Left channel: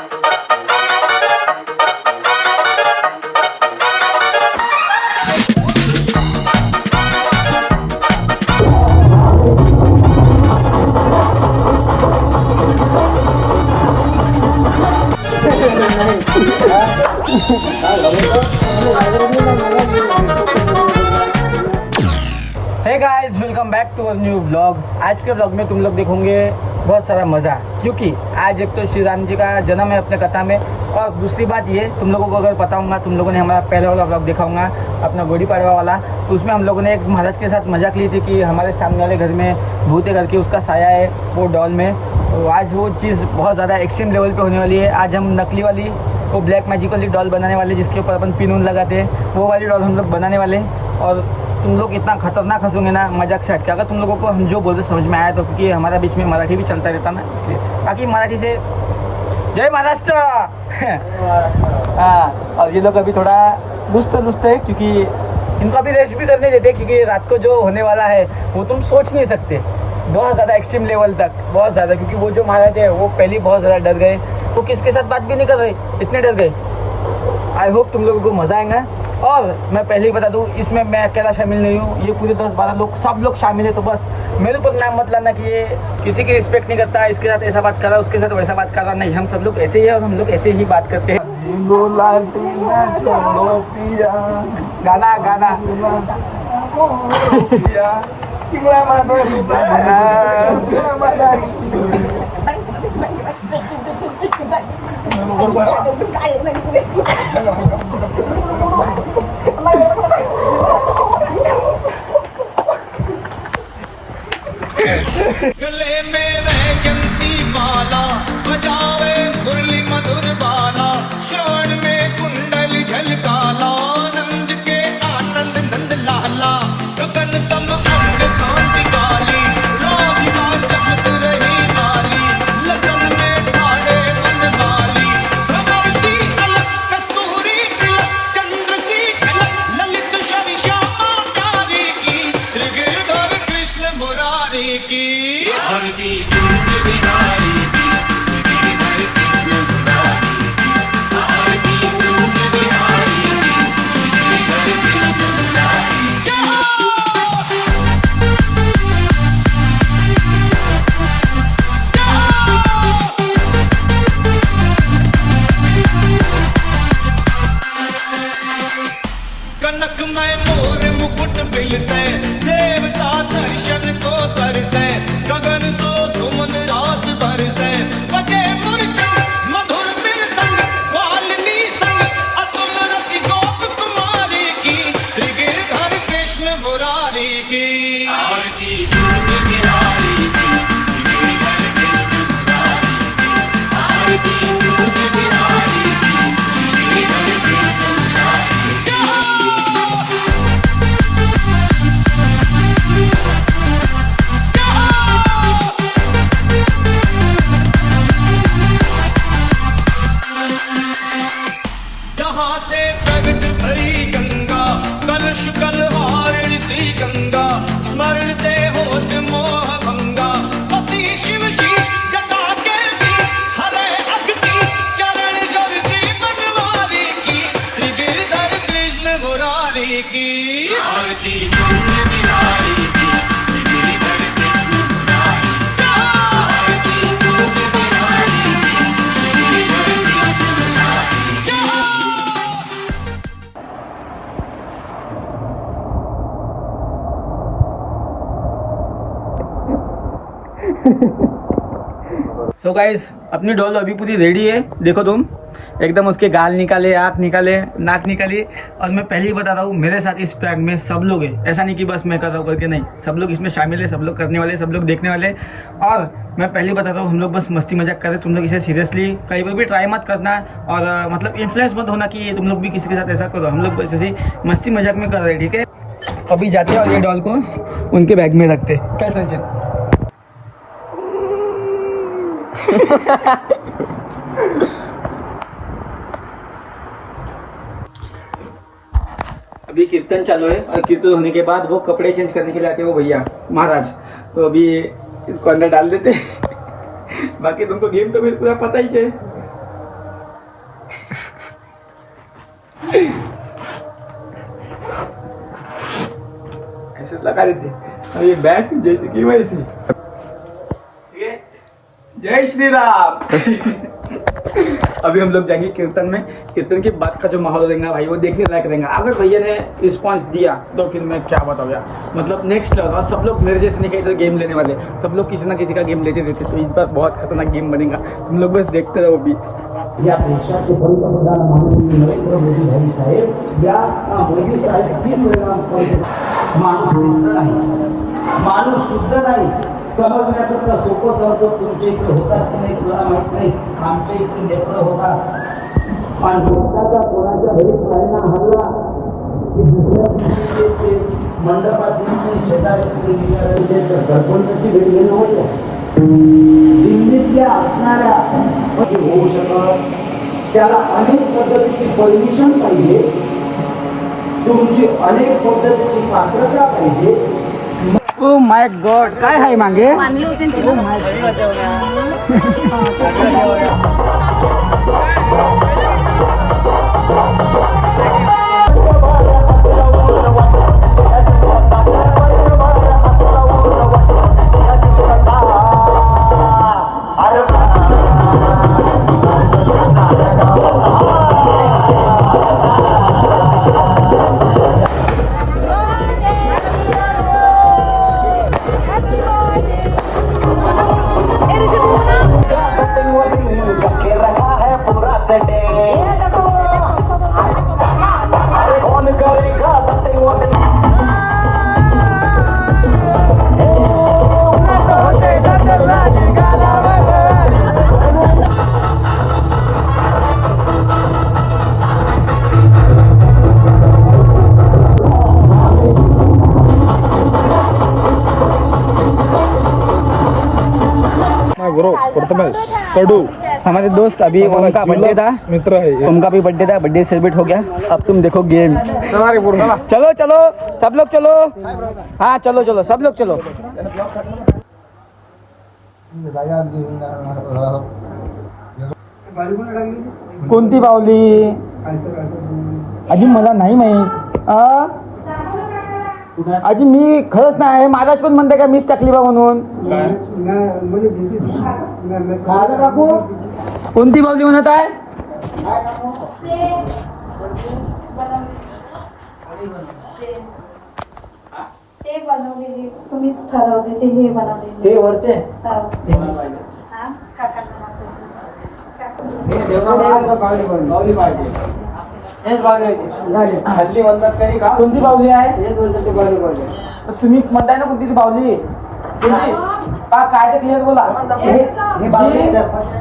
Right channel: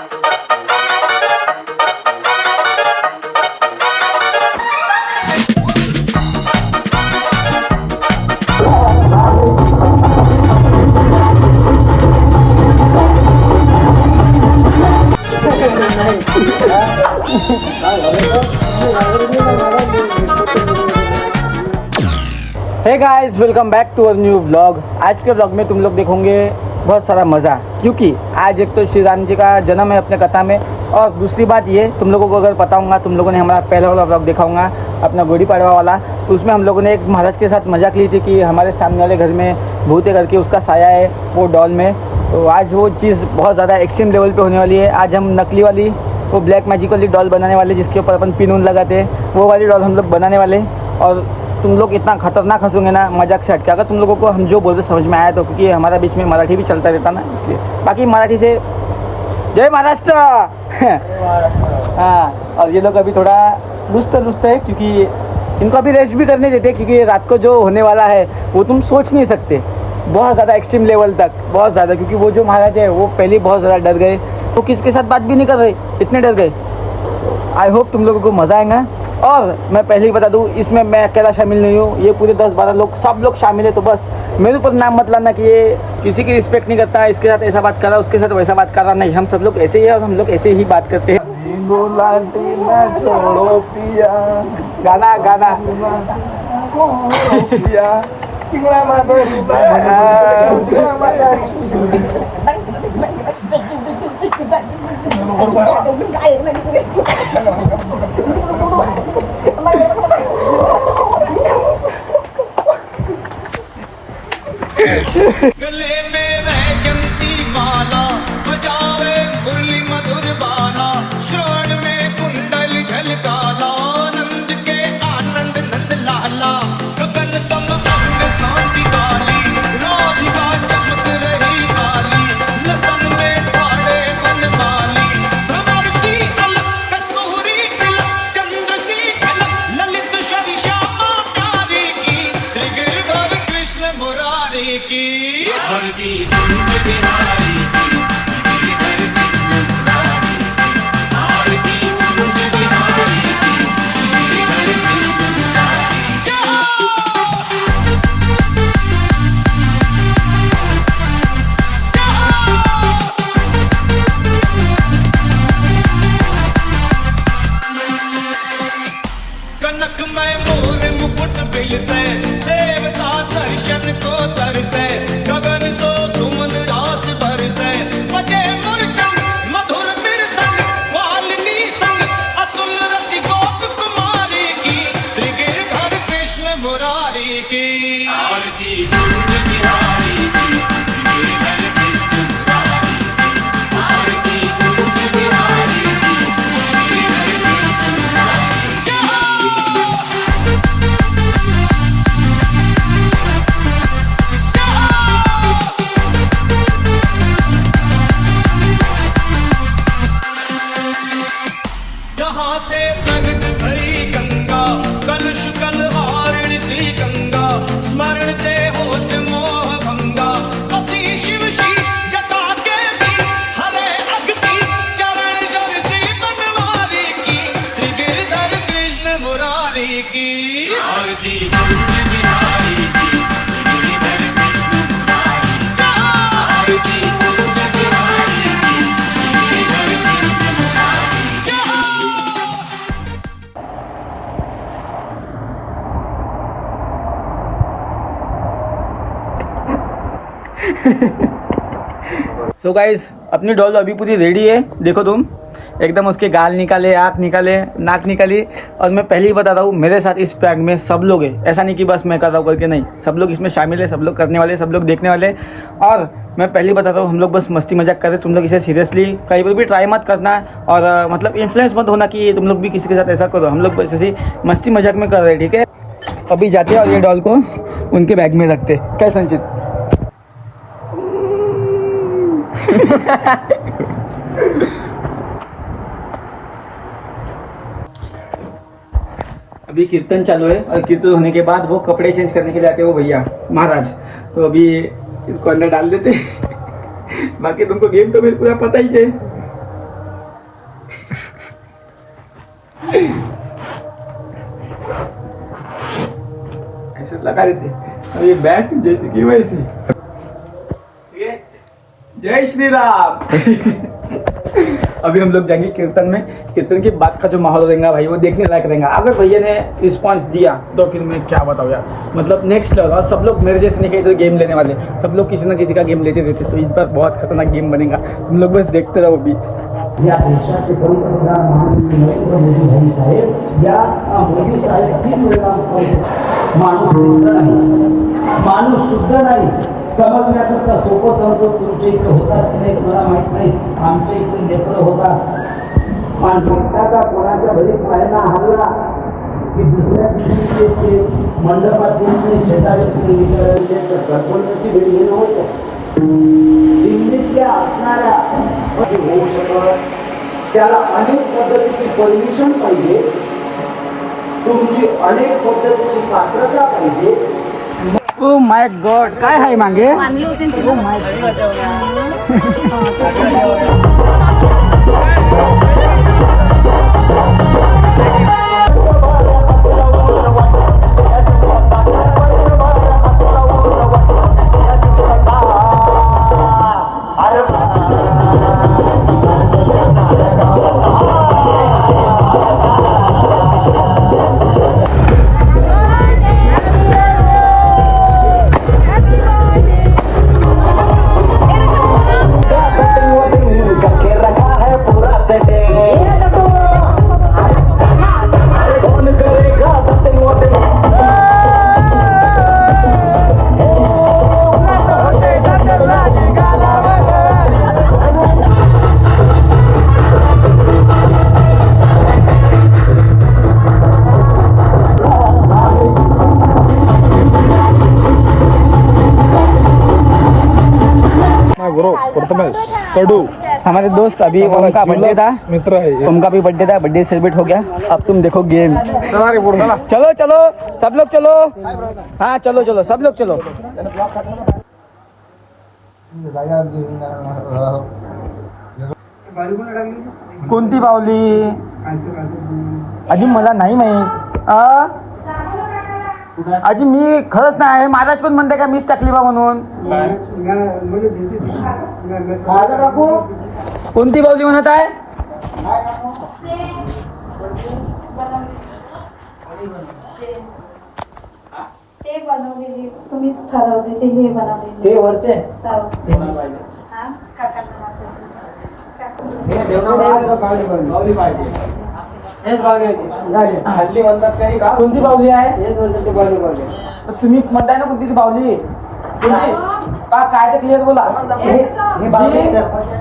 हे guys, welcome back to our new vlog. आज के व्लॉग में तुम लोग देखोगे बहुत सारा मज़ा, क्योंकि आज एक तो श्री राम जी का जन्म है अपने कथा में, और दूसरी बात ये तुम लोगों को अगर पता होगा, तुम लोगों ने हमारा पहला वाला व्लॉग देखा होगा अपना गुड़ी पड़वा वाला, तो उसमें हम लोगों ने एक महाराज के साथ मजाक ली थी कि हमारे सामने वाले घर में भूत है करके उसका साया है वो डॉल में। तो आज वो चीज़ बहुत ज़्यादा एक्सट्रीम लेवल पर होने वाली है। आज हम नकली वाली वो ब्लैक मैजिक वाली डॉल बनाने वाले, जिसके ऊपर अपन पिन उन लगाते हैं, वो वाली डॉल हम लोग बनाने वाले। और तुम लोग इतना खतरनाक हंसोगे ना मजाक से हटके, अगर तुम लोगों को हम जो बोलते समझ में आया तो, क्योंकि हमारा बीच में मराठी भी चलता रहता ना, इसलिए। बाकी मराठी से जय महाराष्ट्र। हाँ, और ये लोग अभी थोड़ा दुस्त है, क्योंकि इनको अभी रेस्ट भी करने देते, क्योंकि रात को जो होने वाला है वो तुम सोच नहीं सकते, बहुत ज़्यादा एक्सट्रीम लेवल तक, बहुत ज़्यादा। क्योंकि वो जो महाराज है वो पहले बहुत ज़्यादा डर गए, वो किसके साथ बात भी नहीं कर रहे, इतने डर गए। आई होप तुम लोगों को मज़ा आएगा। और मैं पहले ही बता दूं, इसमें मैं अकेला शामिल नहीं हूँ, ये पूरे 10-12 लोग, सब लोग शामिल है। तो बस मेरे ऊपर नाम मत लाना कि ये किसी की रिस्पेक्ट नहीं करता, इसके साथ ऐसा बात कर रहा, उसके साथ वैसा बात कर रहा। नहीं, हम सब लोग ऐसे ही है और हम लोग ऐसे ही बात करते हैं। गाना गाना गले में वैजंती माला बजावे मुरली मधुर बाला, श्रवण में कुंडल झलकाला, नंद के आनंद नंद लाला, गगन सम अंग कांति काली, राधिका चमक रही काली, लगन में ठाड़े मन माली, भंवर सी अलक कस्तूरी तिलक, चंद्र सी झलक ललित श्री श्यामा प्यारी की, गिरधर कृष्ण मुरारी की। आरती कुंज बिहारी की, गिरधर कृष्ण मुरारी की, आरती कुंज बिहारी की, गिरधर कृष्ण मुरारी की। कनक में मोर मुकुट बिलसे, देवता दर्शन को तरसे, गगन सो सुमन रास बरसे, बजे मूर्छन मधुर मृदंग, वाल्मी संग अतुल रति गोप कुमारी की, गिरधर कृष्ण मुरारी की। आरती कुंज बिहारी की, गिरधर कृष्ण मुरारी की, आरती कुंज बिहारी की, गिरधर कृष्ण मुरारी की। जहाँ से प्रगट भरी गंगा, कलुष कलहारिणी श्री गंगा, स्मरण ते होत मोह भंगा, हसी शिव शीश जटा के भी, हरे अग्नि चरण जल की बनवारी की, गिरधर कृष्ण मुरारी की। आरती कुंज बिहारी की, गिरधर कृष्ण मुरारी की, आरती कुंज बिहारी की, गिरधर कृष्ण मुरारी की। सो गाइस, अपनी डॉल अभी पूरी रेडी है। देखो तुम, एकदम उसके गाल निकाले, आँख निकाले, नाक निकाली। और मैं पहले ही बता रहा हूँ, मेरे साथ इस प्रैंक में सब लोग हैं, ऐसा नहीं कि बस मैं कर रहा हूँ करके, नहीं, सब लोग इसमें शामिल है, सब लोग करने वाले, सब लोग देखने वाले। और मैं पहले ही बता रहा हूँ, हम लोग बस मस्ती मजाक कर रहे, तुम लोग इसे सीरियसली कहीं पर भी ट्राई मत करना, और मतलब इन्फ्लुएंस मत होना कि तुम लोग भी किसी के साथ ऐसा करो। हम लोग बस ऐसे मस्ती मजाक में कर रहे हैं, ठीक है। अभी जाते हैं और ये डॉल को उनके बैग में रखते। क्या संचित? अभी कीर्तन चालू है, और कीर्तन होने के बाद वो कपड़े चेंज करने के लिए आते हैं वो भैया महाराज। तो अभी इसको अंदर डाल देते। बाकी तुमको गेम तो मेरे पूरा पता ही है। ऐसे लगा देते और ये बैट जैसे कि वैसे। जय श्री राम। अभी हम लोग जाएंगे कीर्तन में। कीर्तन के बाद का जो माहौल रहेगा भाई वो देखने लायक रहेगा। अगर भैया ने रिस्पांस दिया तो फिर मैं क्या बताऊँ यार, मतलब नेक्स्ट लेवल। और सब लोग मेरे जैसे नहीं तो गेम लेने वाले, सब लोग किसी ना किसी का गेम लेते रहते, तो इस बार बहुत खतरनाक गेम बनेगा। तुम लोग बस देखते रहो अभी। या देशाचे पंतप्रधान माननीय नरेंद्र मोदी भाई साहेब या मोदी साहेब 3 वेळा माणूस शुद्ध नाही समजण्याकरता सोपं समजून तुमच्या इकडे होतात की नाही मला माहित नाही, आमच्या इकडे लेकरं होता आणि भक्ताचा कोणाच्या घरी पायना हल्ला की दुसऱ्या दिवशी ते मंडपात येऊन शेजारी सरपंचाची भेटी घेऊन होतं दिल्लीतल्या असणाऱ्या त्याला अनेक पद्धतीची परमिशन पाहिजे, तुमची अनेक पद्धतीची पात्रता पाहिजे. ओ माय गॉड, काय आहे मागे? गुरु प्रथमेश कडू हमारे दोस्त अभी उनका बर्थडे था, मित्र है ये। उनका भी बर्थडे था, बर्थडे सेलिब्रेट हो गया। अब तुम देखो गेम। चलो चलो सब लोग चलो, हाँ चलो चलो सब लोग चलो। कोणती बावली अजून मला नाही माहित। अजून मी खरंच नाही, महाराज पण म्हणते का मीच टाकली बा म्हणून। काकू कोणती बावली म्हणत आहे? हे बनवलेली तुम्हीच ठरवले ते हे बनवलेले हे वरचे हल्ली म्हणतात तरी कोणती बावली आहे? तुम्ही म्हणताय ना कोणती बावली? काय क्लिअर बोला।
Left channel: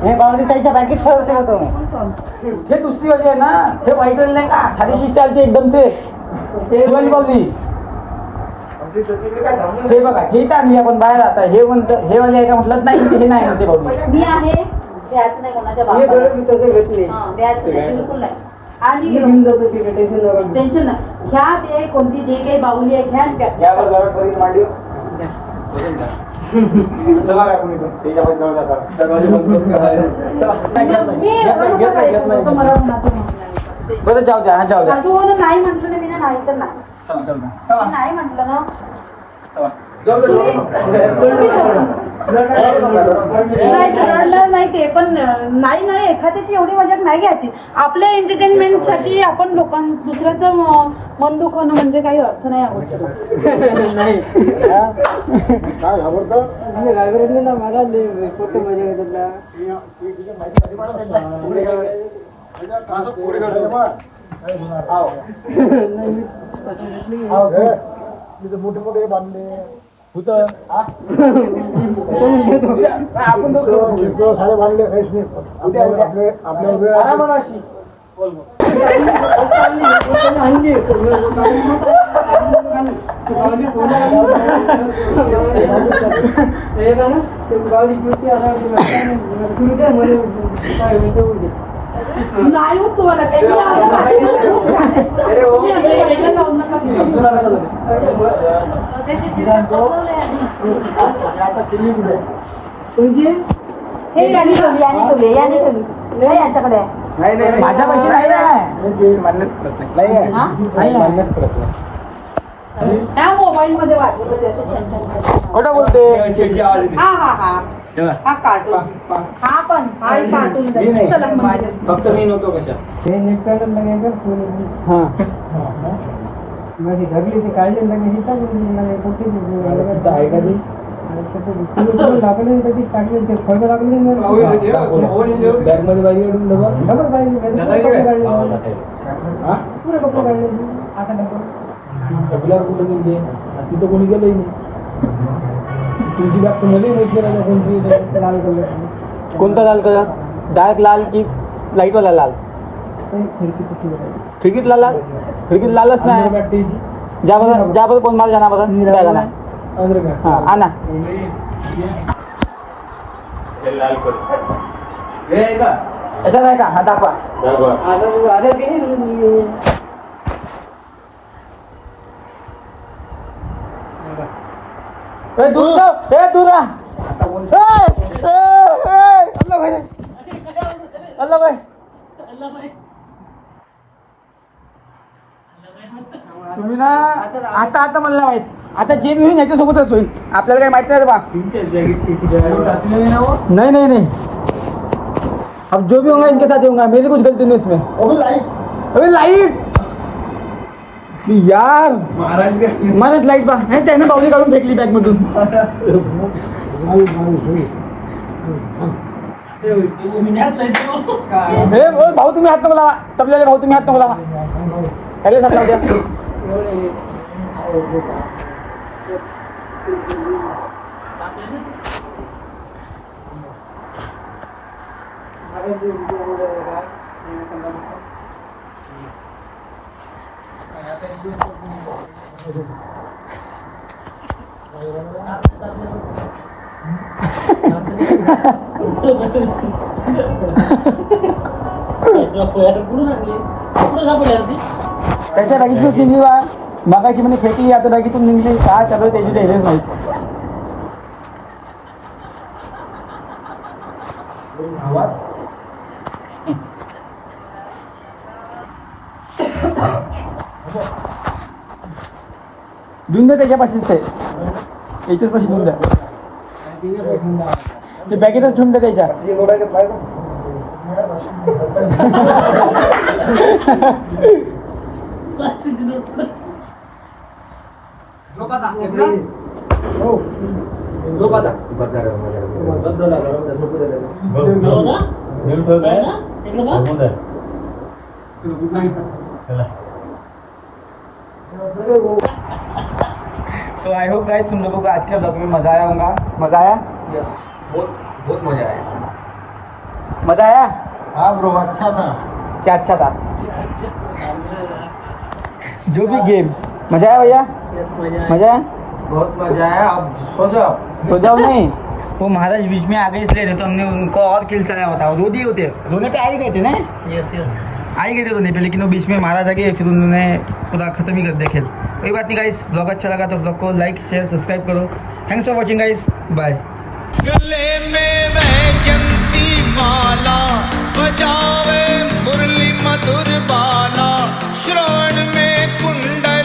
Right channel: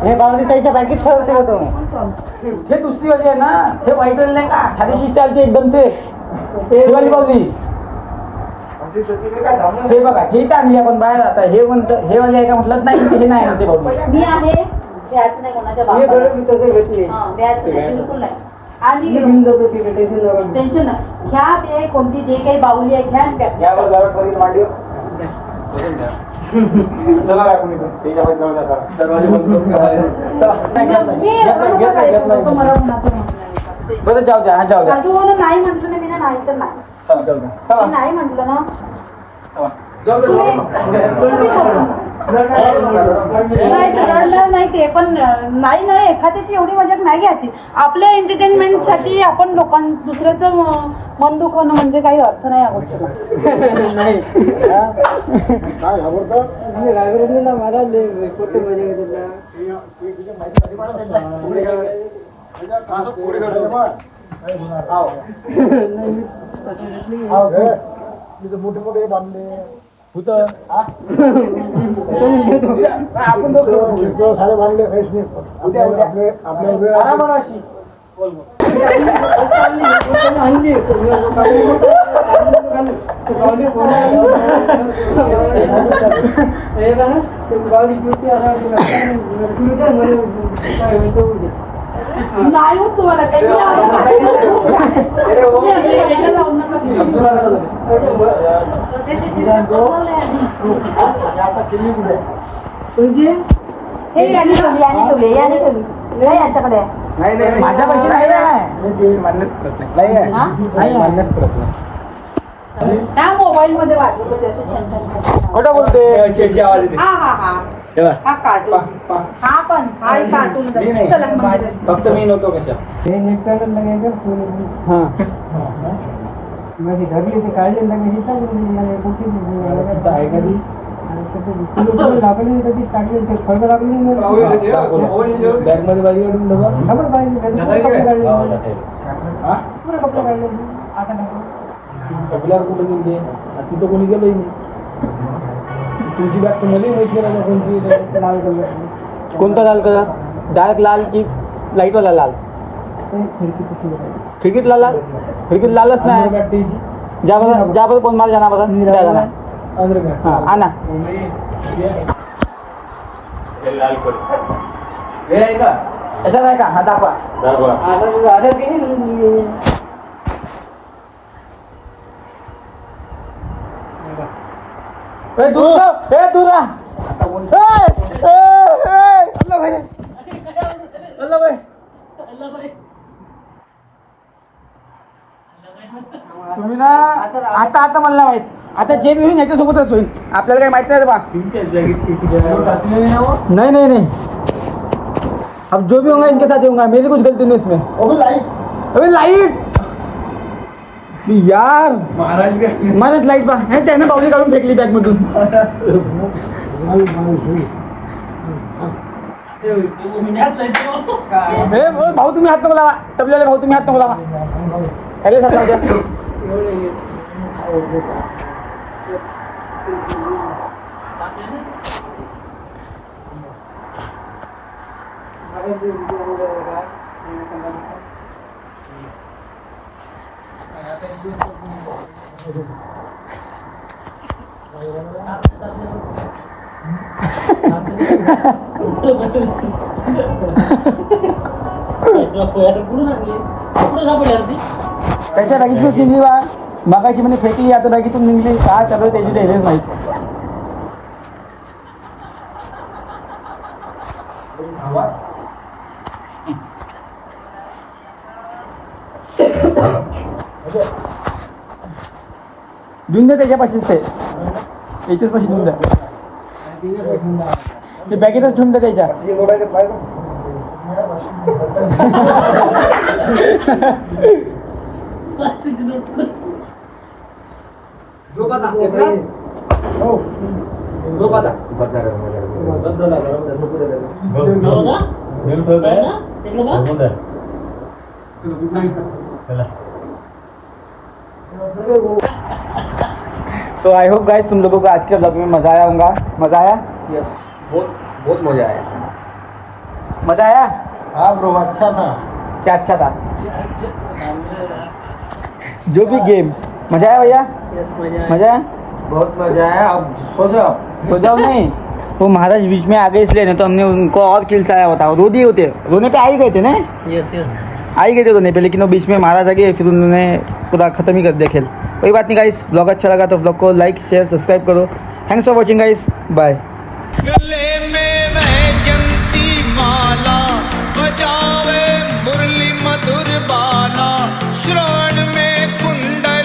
हे बावली त्याच्या बाकीत ठरवते होते हे दुसरी वाली आहे ना, हे वाईट वाली नाही का? खाली शिस्टाची एकदम से ते वाली बावली। हे बघा हे टाकली आपण बाहेर आता, हे म्हणतो हे वाली आहे का म्हटलं नाही, हे नाही म्हणते बावली। मी आहे व्याज नाही कोणाच्या बाबा घेतले व्याज नाही बिलकुल नाही। आणि टेन्शन नाही ह्या ते कोणती जे काही बाहुली आहे घ्या बरं जाऊ द्या, जाऊ द्या। नाही म्हटलं ना मी नाही तर नाही, मी नाही म्हटलं ना नाही रडलं नाही ते पण नाही नाही एखाद्याची एवढी मजाक नाही घ्यायची। आपल्या एंटरटेनमेंट साठी आपण दुसऱ्याचं मन दुखवणं म्हणजे काही अर्थ नाही या गोष्टीला। नाही मोठे मोठे बांधले होत आपण सारे बांधले आपल्या वेळ नाही होत तुम्हाला हे यांच्याकडे नाही नाही माझ्यापासून मान्यच करत नाही नाही मान्यच करत नाही त्या मोबाईल मध्ये वाटलं असे छान छान हा हा हा हा कार्टून हा पण हा कार्टून चला म्हणजे फक्त मी नको कशा ते नेट करून लगायचं फोन हां माझी घरली ती काढली लागायची तर मला मोठी लागली कधी टाकली ते फळं लागली बॅगमध्ये गाडी काढून डबल काढली पुरे कपडे काढले आता डबल कपड्यावर कुठे गेले तिथं कोणी गेलं तुमची बॅग तुम्हाला कोणती लाल कलर कोणता लाल कलर डायरेक्ट लाल की लाईटवाला लाल खिडकीत लाल खिडकीत लालच नाही जागो कोण मला जाणार बघा मी जाणार हा ना लाल कर हे आहे का असं नाही का हा दाखवा आता आता मला माहित आता जे मी होईल याच्यासोबतच होईल आपल्याला काही माहित नाही रे बा नहीं नहीं नहीं अब जो भी होगा इनके साथ होगा मेरे कुछ गलती नहीं इसमें अबे लाइट यार महाराज लाइट बंद नाही त्याने पाणी काढून फेकली बॅगमधून भाऊ तुम्ही हात मला तबल्याला भाऊ तुम्ही हात मला अरे सर त्याच्या बॅगीतून निघली बा मगाशी म्हणजे फेकली आता बॅगीतून निघली काय चालू त्याची काही हेच नाही घेऊन द्या त्याच्यापाशीच ते याच्याच पाशी घेऊन द्या ते बॅगेतच ठेवून द्या त्याच्या तो आई होप गाइस तुम लोगों को आज के ब्लॉग में मजा आया होगा मजा आया यस बहुत बहुत मजा आया मजा आया हाँ ब्रो अच्छा था क्या अच्छा था जो भी गेम मजा आया भैया मजा आया बहुत मजा आया अब सो जाओ नहीं वो महाराज बीच में आ गए इसलिए नहीं तो हमने उनको और खिलसाया होता रो दिए होते रोने पे आ ही गए थे ना यस यस आ ही गए थे रोने पे लेकिन वो बीच में महाराज आ गए फिर उन्होंने पूरा खत्म ही कर दिया खेल कोई बात नहीं गाइस ब्लॉग अच्छा लगा तो ब्लॉग को लाइक शेयर सब्सक्राइब करो thanks for watching guys bye गले में वैजंती माला बजावे मुरली मधुर बाला श्रवण में कुंडल